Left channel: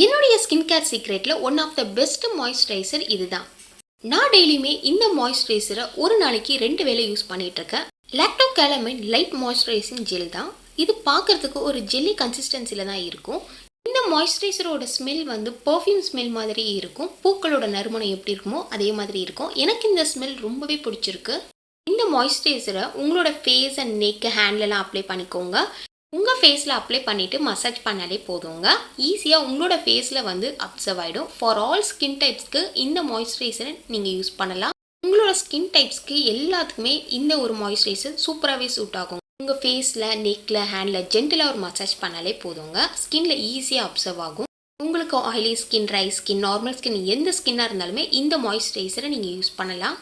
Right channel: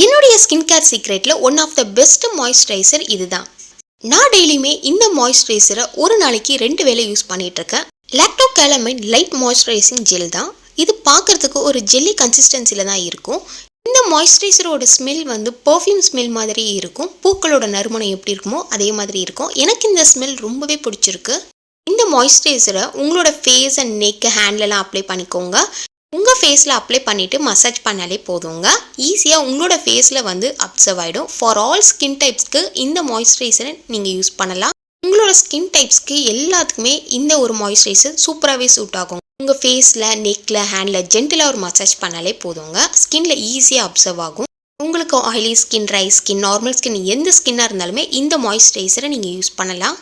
என்னுடைய skin care சீக்ரெட்டில் one of the best moisturiser இதுதான். நான் டெய்லியுமே இந்த மாய்ஸ்சரைசரை ஒரு நாளைக்கு ரெண்டு வேளை யூஸ் பண்ணிகிட்ருக்கேன் இருக்கேன். Lacto Calamine light moisturising gel தான். இது பார்க்கறதுக்கு ஒரு ஜெல்லி கன்சிஸ்டன்சியில் தான் இருக்கும். இந்த மாய்ஸ்சரைசரோட ஸ்மெல் வந்து பர்ஃப்யூம் ஸ்மெல் மாதிரி இருக்கும். பூக்களோட நறுமணம் எப்படி இருக்குமோ அதே மாதிரி இருக்கும். எனக்கு இந்த ஸ்மெல் ரொம்பவே பிடிச்சிருக்கு. இந்த மாய்ஸ்சரைசரை உங்களோட ஃபேஸ் அண்ட் நெக் ஹேண்ட்லலாம் அப்ளை பண்ணிக்கோங்க. ஃபேஸில் அப்ளை பண்ணிவிட்டு மசாஜ் பண்ணாலே போதுங்க. ஈஸியாக உங்களோட ஃபேஸில் வந்து அப்சர்வ் ஆகிடும் ஃபார் ஆல் ஸ்கின் டைப்ஸ்க்கு இந்த மாய்ஸ்சரைசரை நீங்கள் யூஸ் பண்ணலாம். உங்களோட ஸ்கின் டைப்ஸ்க்கு எல்லாத்துக்குமே இந்த ஒரு மாய்ஸ்சரைசர் சூப்பராகவே சூட் ஆகும். உங்கள் ஃபேஸில் நெக்கில் ஹேண்டில் ஜென்டிலாக ஒரு மசாஜ் பண்ணாலே போதுங்க. ஸ்கின்ல ஈஸியாக அப்சர்வ் ஆகும். உங்களுக்கு oily skin dry skin normal skin எந்த ஸ்கின்னாக இருந்தாலுமே இந்த மாய்ஸ்சரைசரை நீங்கள் யூஸ் பண்ணலாம்.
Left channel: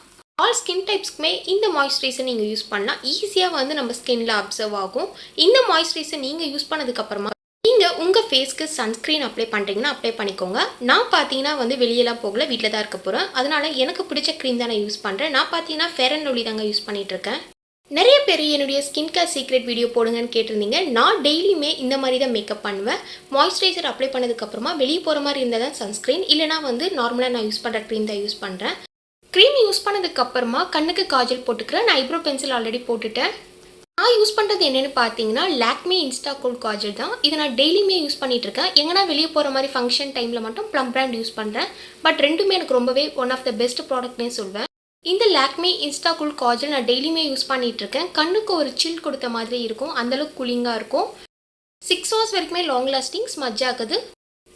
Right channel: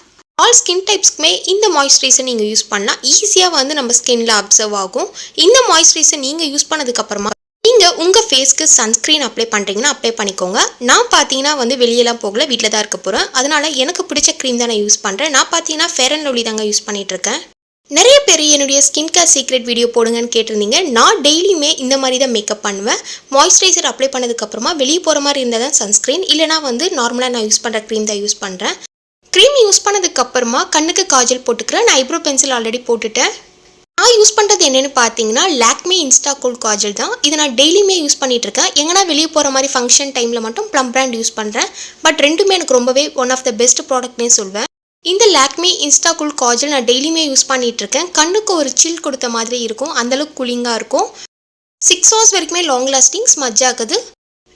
ஆல் ஸ்கின் டைப்ஸ்க்குமே இந்த மாய்ஸ்சரைசர் நீங்கள் யூஸ் பண்ணால் ஈஸியாக வந்து நம்ம ஸ்கின்ல அப்சர்வ் ஆகும். இந்த மாய்ஸ்சரைசர் நீங்கள் யூஸ் பண்ணதுக்கப்புறமா நீங்கள் உங்கள் ஃபேஸ்க்கு சன்ஸ்க்ரீன் அப்ளை பண்ணுறீங்கன்னா அப்ளை பண்ணிக்கோங்க. நான் பார்த்தீங்கன்னா வந்து வெளியெல்லாம் போகல வீட்டில் தான் இருக்க போகிறேன் அதனால் எனக்கு பிடிச்ச க்ரீம் தான் நான் யூஸ் பண்ணுறேன் நான் பார்த்தீங்கன்னா ஃபேர் அண்ட் லவ்லி தாங்க யூஸ் பண்ணிகிட்ருக்கேன் இருக்கேன். நிறைய பேர் என்னுடைய ஸ்கின் கேர் சீக்ரெட் வீடியோ போடுங்கன்னு கேட்டிருந்தீங்க. நான் டெய்லியுமே இந்த மாதிரி தான் மேக்கப் பண்ணுவேன். மாய்ஸ்சரைசர் அப்ளை பண்ணதுக்கப்புறமா வெளியே போகிற மாதிரி இருந்தால் தான் சன்ஸ்க்ரீன் இல்லைனா வந்து நார்மலாக நான் யூஸ் பண்ணுற க்ரீம் தான் யூஸ் பண்ணுறேன் யூஸ் பண்ணதுக்கப்புறமா கண்ணுக்கு காஜல் போட்டுக்கிறேன். நான் ஐப்ரோ பென்சில் ஆல்ரெடி போட்டுட்டேன். நான் யூஸ் பண்ணுறது என்னென்னு பார்த்தீங்கன்னா லாக்மே இன்ஸ்டா கோல் காஜல் தான். இதை நான் டெய்லியுமே யூஸ் பண்ணிகிட்டு இருக்கேன். எங்கன்னா வெளியே போகிற மாதிரி ஃபங்க்ஷன் டைமில் மட்டும் ப்ளம் பிராண்ட் யூஸ் பண்ணுறேன் பட் ரெண்டுமே எனக்கு ரொம்பவே ஒன் ஆஃப் த பெஸ்ட் ப்ராடக்ட்னே சொல்வேன். இந்த லாக்மே இன்ஸ்டா கூல் காஜல் நான் டெய்லியுமே யூஸ் பண்ணிகிட்ருக்கேன் இருக்கேன். கண்ணுக்கு ஒரு சில் கொடுத்த மாதிரி இருக்கும். அந்தளவுக்கு கூலிங்காக இருக்கும். சிக்ஸ் ஹவர்ஸ் வரைக்குமே லாங் லாஸ்டிங் ஸ்மஜ் ஆகுது.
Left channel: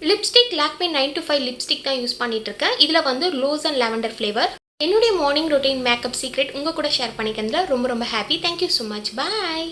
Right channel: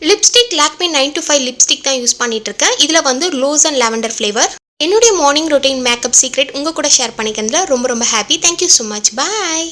Lipstick Lakme nine to five lipstick தான் யூஸ் பண்ணிகிட்டு இருக்கேன். இதில் வந்து ரோஸ் அண்ட் லாவெண்டர் ஃப்ளேவர் என்னுடைய மார்னிங் ரொட்டீன் மேக்கப் சீக்ரெட் உங்கள் கூட ஷேர் பண்ணிக்கிறதுல ரொம்ப ரொம்ப happy thank you so much bye